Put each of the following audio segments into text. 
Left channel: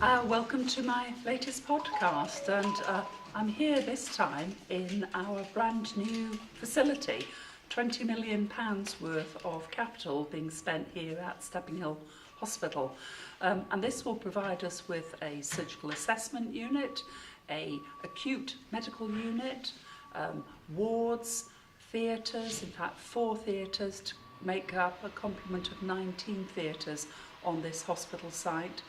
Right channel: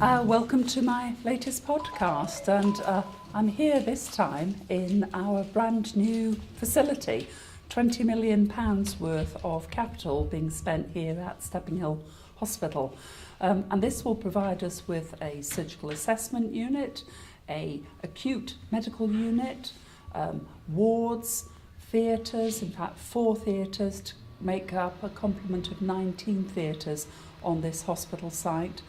Welcome to my latest podcast, and I'm here this time in our brand new facility. £20 million worth of capital being spent here at Stepping Hill Hospital, and this will provide us with a surgical assessment unit, a acute medical unit, wards, theatres, in fact 4 theatres to make up a complement of 19 theatres on this hospital site.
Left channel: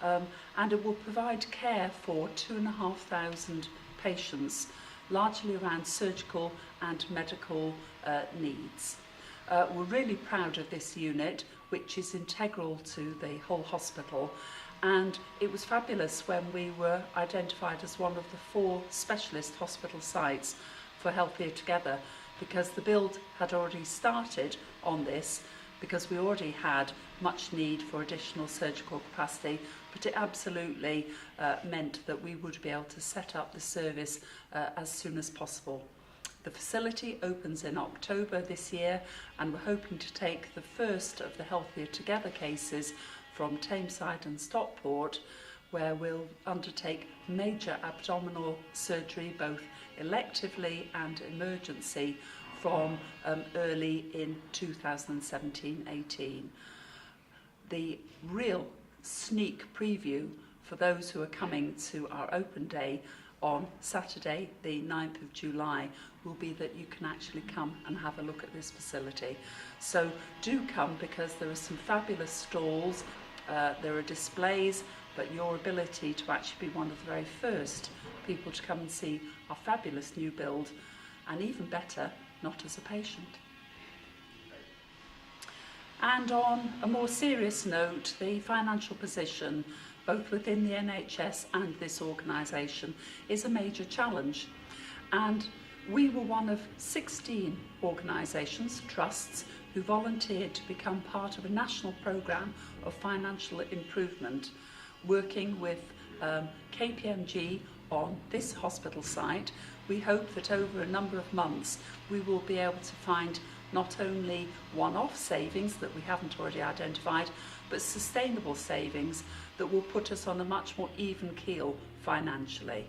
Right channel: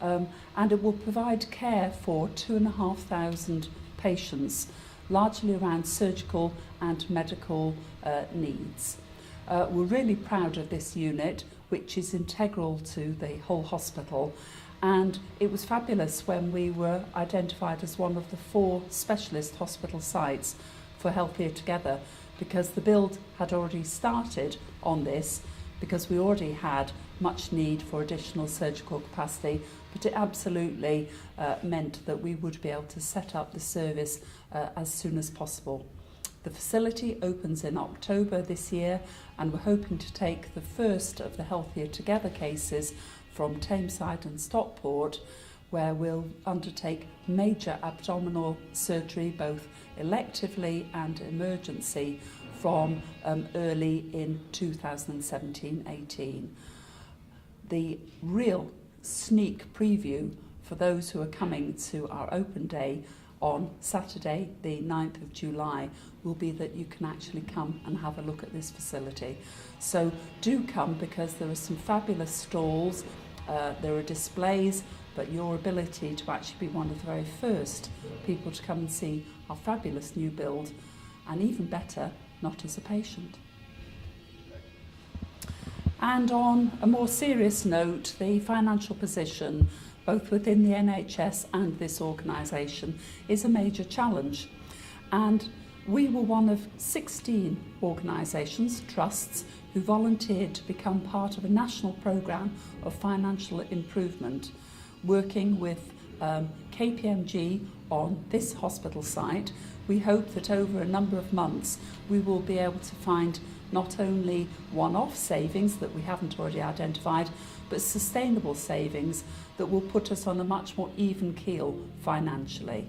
And it will provide care for 2,500 patients, largely around surgical and medical needs. We're really proud of this unit, which is integral to the whole hospital, and it was fabulous when we were identified as one of the 4 specialist hospital sites for Healthier Together, because the build had already started on this, because we already had much need for additional surgical capacity, but it absolutely meant that we would be able to set up the service as soon as possible. The facility opens in October this year, and we're hoping to take the first of the Healthier Together cases from Tameside and Stockport, where we'll undertake major abdominal surgery, both electively and emergency, from early in 2017-18. The real sneak preview for those who are coming to our open day on Saturday the 9th of July will be that you can actually come and have a look at this facility. So do come, because there are some fabulous stalls, there are displays, but your ability to actually be one of the very first people to come and see our fabulous new build, and even better, not as a patient. And on a more serious note, the financial position, both within the NHS and this organisation, is a major challenge. And we were one of 16 organisations, trusts, who volunteered to become part of a national programme of financial improvement, working with KPMG on this hospital site. We hope that over a number of months we will be able to find not only one-off savings that we haven't already identified, but sustainable savings that will put us on a much more even keel financially.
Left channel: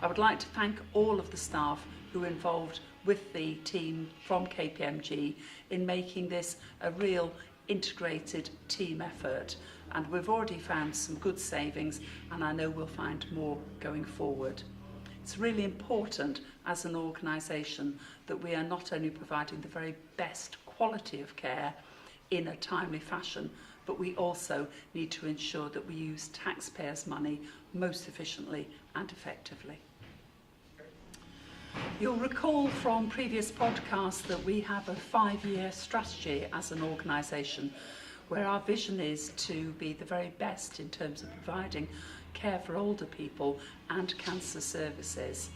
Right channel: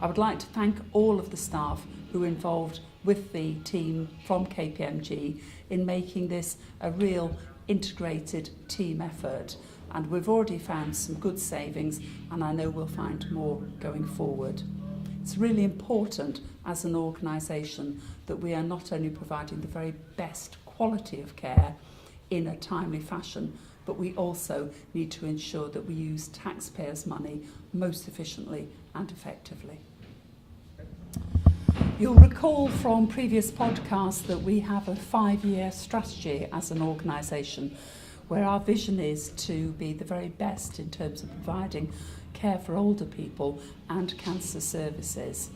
I would like to thank all of the staff who are involved with the team from KPMG in making this a real integrated team effort, and we've already found some good savings, and I know we'll find more going forward. It's really important as an organisation that we are not only providing the very best quality of care in a timely fashion, but we also need to ensure that we use taxpayers' money most efficiently and effectively. You'll recall from previous podcasts that we have a 5-year strategy as an organisation, where our vision is to be the very best in terms of providing care for older people and cancer services.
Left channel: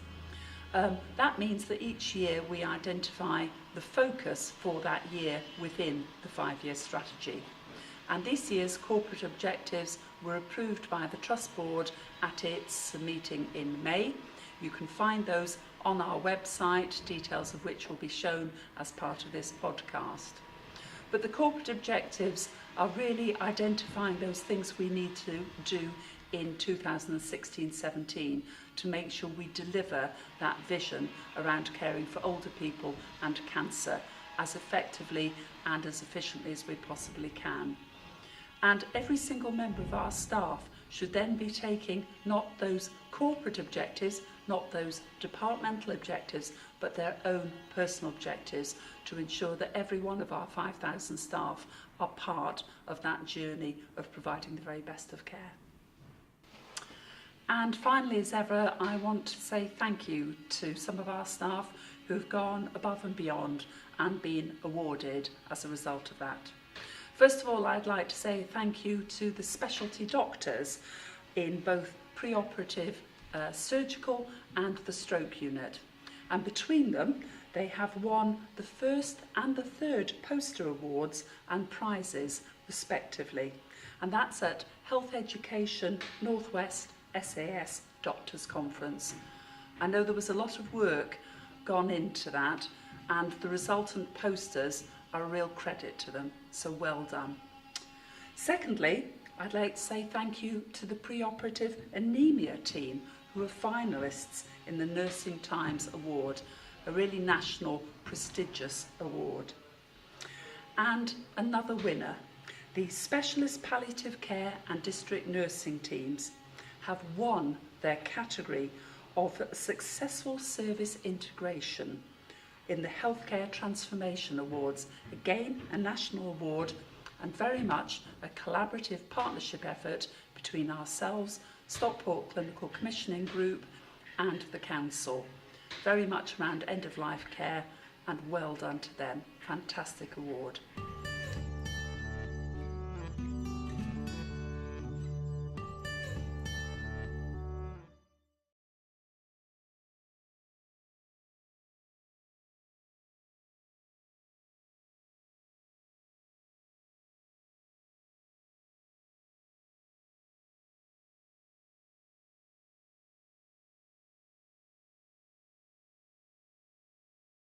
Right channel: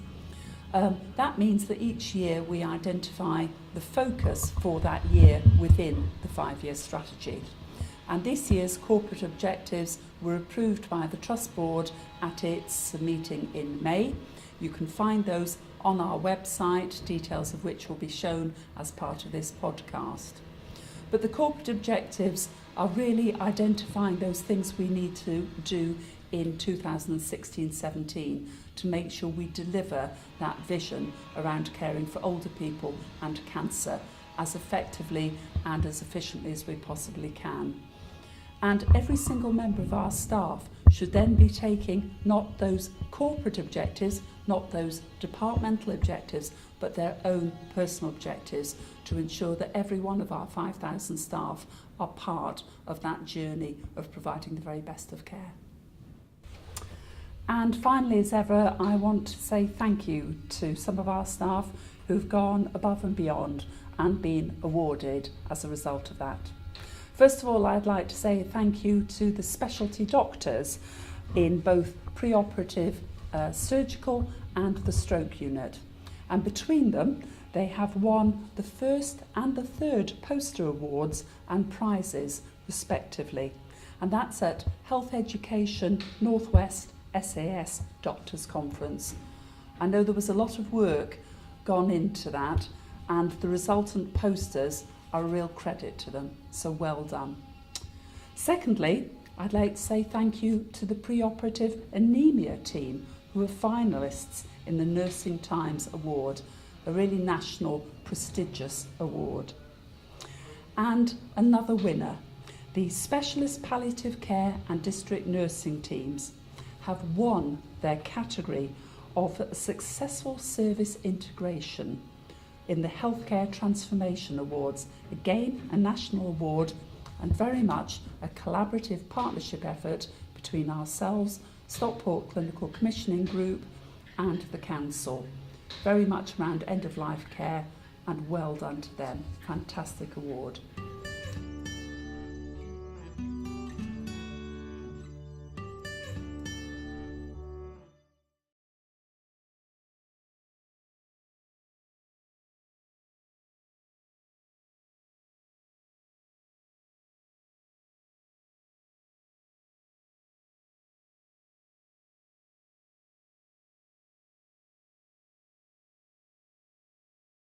That means that each year we identify the focus for that year within the 5-year strategy. And this year's corporate objectives were approved by the Trust Board at its meeting in May. You can find those on our website, details of which will be shown as part of this podcast. But the corporate objectives are really identifying those things we need to do in 2016-17 to make sure we deliver that vision around caring for older people and cancer as effectively and as efficiently as we possibly can. And every single member of our staff should then be taking not those corporate objectives, not those departmental objectives, but their own personal objectives to ensure that every one of our 5,000 staff are part of that journey of providing the very best of care. And finally, as ever, I want to say thank you to some of our staff who've gone above and beyond and been awarded as a result of that. First of all, I'd like to say thank you to the specialty doctors in both pre-operative surgical and the stroke unit. And between them, they have won the first and the third poster awards and prizes respectively. And that's at Health Education Northwest SAS Doctors Conference. I know there was a lot of work gone into that, and the resultant posters are a real credit to them, so well done. Secondly, I'd like to say thank you to the preoperative anemia team who are finalists in the Nursing Times Award, a really national prestigious award. And another winner, the Specialist Palliative Care and District Nursing teams have won their category of Successful Service Integration in the Healthcare Transformation Awards, again a national award and very much a collaborative partnership effort between ourselves, Stockport Clinical Commissioning Group and the Council. Very much around end-of-life care, and well done to them. Fantastic award.